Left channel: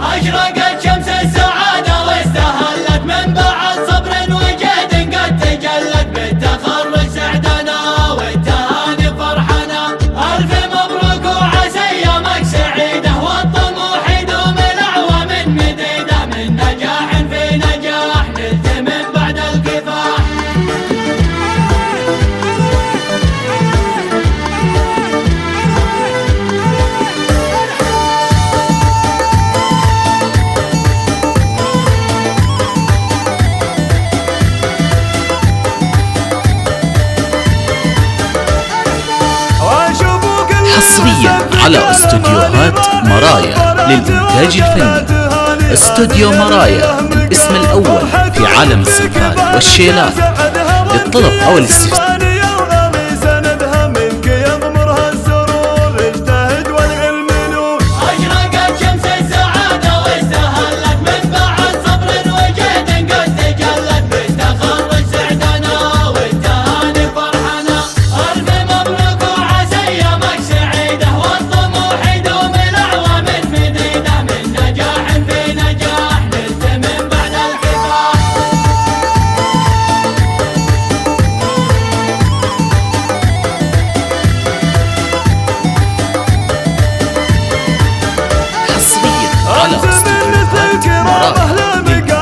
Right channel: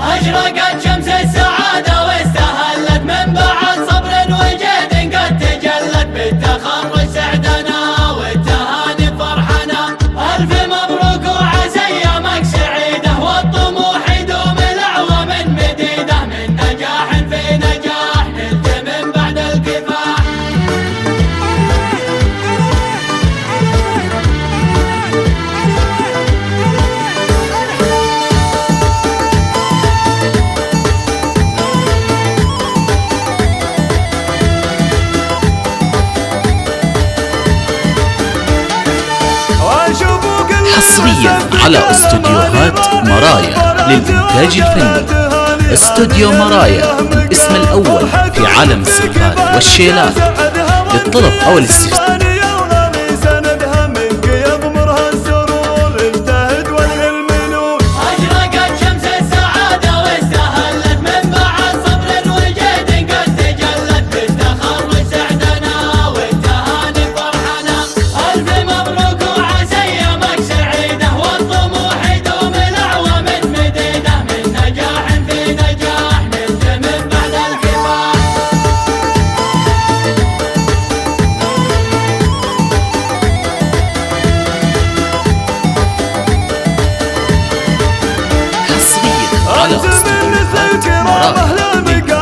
أشرقت شمس السعادة واستهلت من بعد صبر وجهد قد تجلت بالتخرج سعدنا والتهاني فرحنا. ألف مبروك وعسى أيامك سعيدة والطموح يدوم الأعوام مديدة، من نجاح في نجاح نلت من بعد الكفاح. حصريا على استوديوهات مرايا للإنتاج الفني. استوديو مرايا الاسم الأول في عالم الزفات والشيلات. للطلب أو الاستفسار على استوديوهات مرايا للإنتاج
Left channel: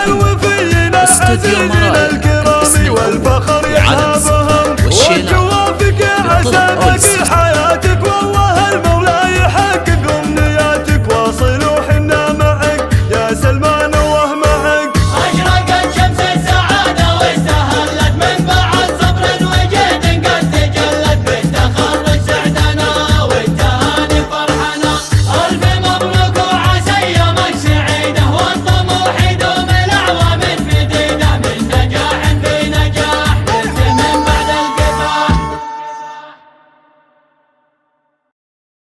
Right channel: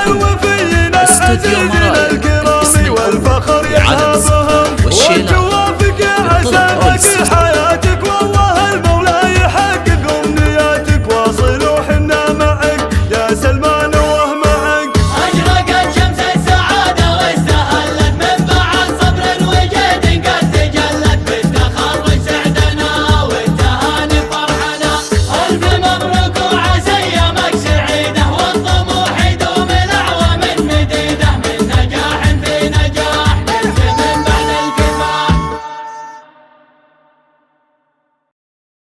الفني. استوديو مرايا الاسم الأول في عالم الزفات والشيلات. للطلب أو الاستفسار